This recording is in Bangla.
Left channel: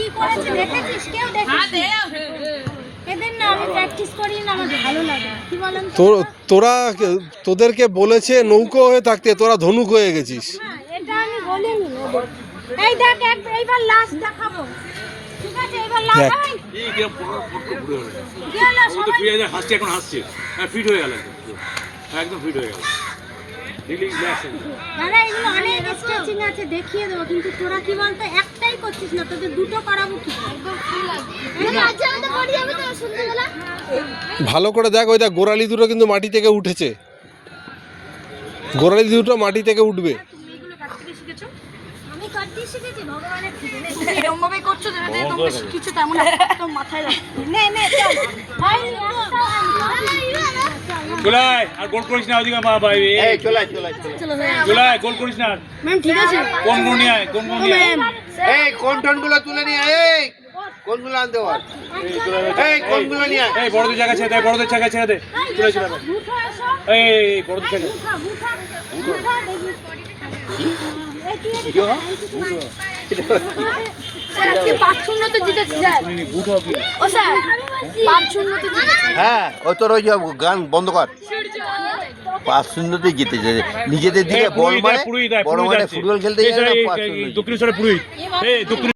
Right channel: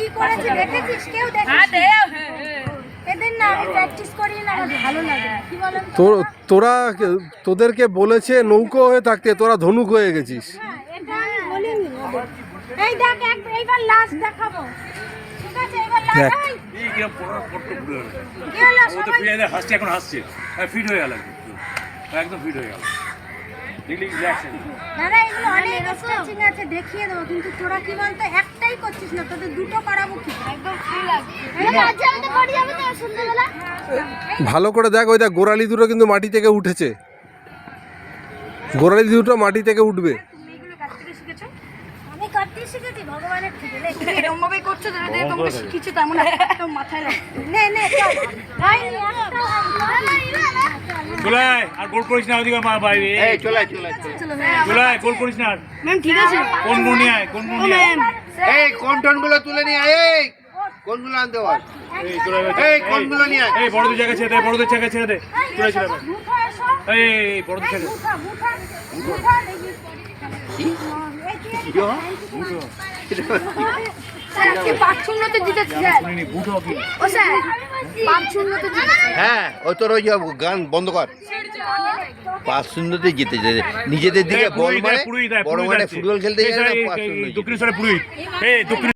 কি করেছে দেখেছিস? কেউ দেখেছিস? এদের না আমি প্র্যাকটিস করি না, আমার ভালো লাগে। কি বলেন তোরা তোদেরকে বলেছে নৌকো হয়ে থাকতে, তোরা ধনুক হয়ে গেছিস। এটা আমি বলিনি ওদের। এই দেখ এইবার লাস্ট দেখাবো, ঠিক আছে? এইবার লাস্ট এই গেম পড় ঘুরে গেল। গেল ও তো সবাই। প্রিয়াদের হাসছে, এখন হাসছে, ফিট হয়ে গেল একদম ফিট হয়ে গেল। দেখলি রিঅ্যাকশন দাদা এগুলো অনেক স্ট্রেচিং আছে, দেখিয়ে দেবো, কিন্তু তোরা কি বলতো একটাই করছিস না, তোদের দুটো করাবো কি? একদম ফ্রি লাগে। আজ আমি তো করি, আমি তো সন্ধ্যাবেলা। ভালো করে দেখ, ওই দেখ গোড়ালি দুটো কিন্তু মাটি থেকে উঠেছে, গোড়ালি দুটো মাটি থেকে উঠবে। তুমি এগুলো কাটতে শিখেছো? আমি কাটতে শিখেছি ভগবানের থেকে। তুমি এরকম ভাবে করছো যেটা তোমরা শিখেছো, তেমন একদম মাথায় রাখো। নে চল ভাই, চলাই আর গোল করিস না, ওদিকে মা ভাই এই চলাই চলাই গোল করিস না। ম্যাম ঠিক আছে। কোন গুণ নিয়ে আয়, কোন গুণ নিয়ে আয়। এই কোন টোনগুলো তুলে নিয়ে আয়, এই কোনগুলো আনতে বল, এই কোনগুলো নিয়ে আয়। এই বড়দের জায়গা ছেড়ে দে, বড়দের জায়গা ছেড়ে দে, চলে চলে বুঠা এসো। এই বড়দের জায়গা বুঠা দেখি। আজকে 5-0 জিতেছি স্যার। বুটো কি ও স্যার 5-0 জিতেছি। হ্যাঁ ওই তোর ওই গান বন্ধ কর। 5-0 জিতেছে, নিজেদের দিকে বল মারে, বড় মাঠে ফুটবল খেলতে যায় না, 5-0 দক্ষিণেশ্বরে পুরী, এই দক্ষিণ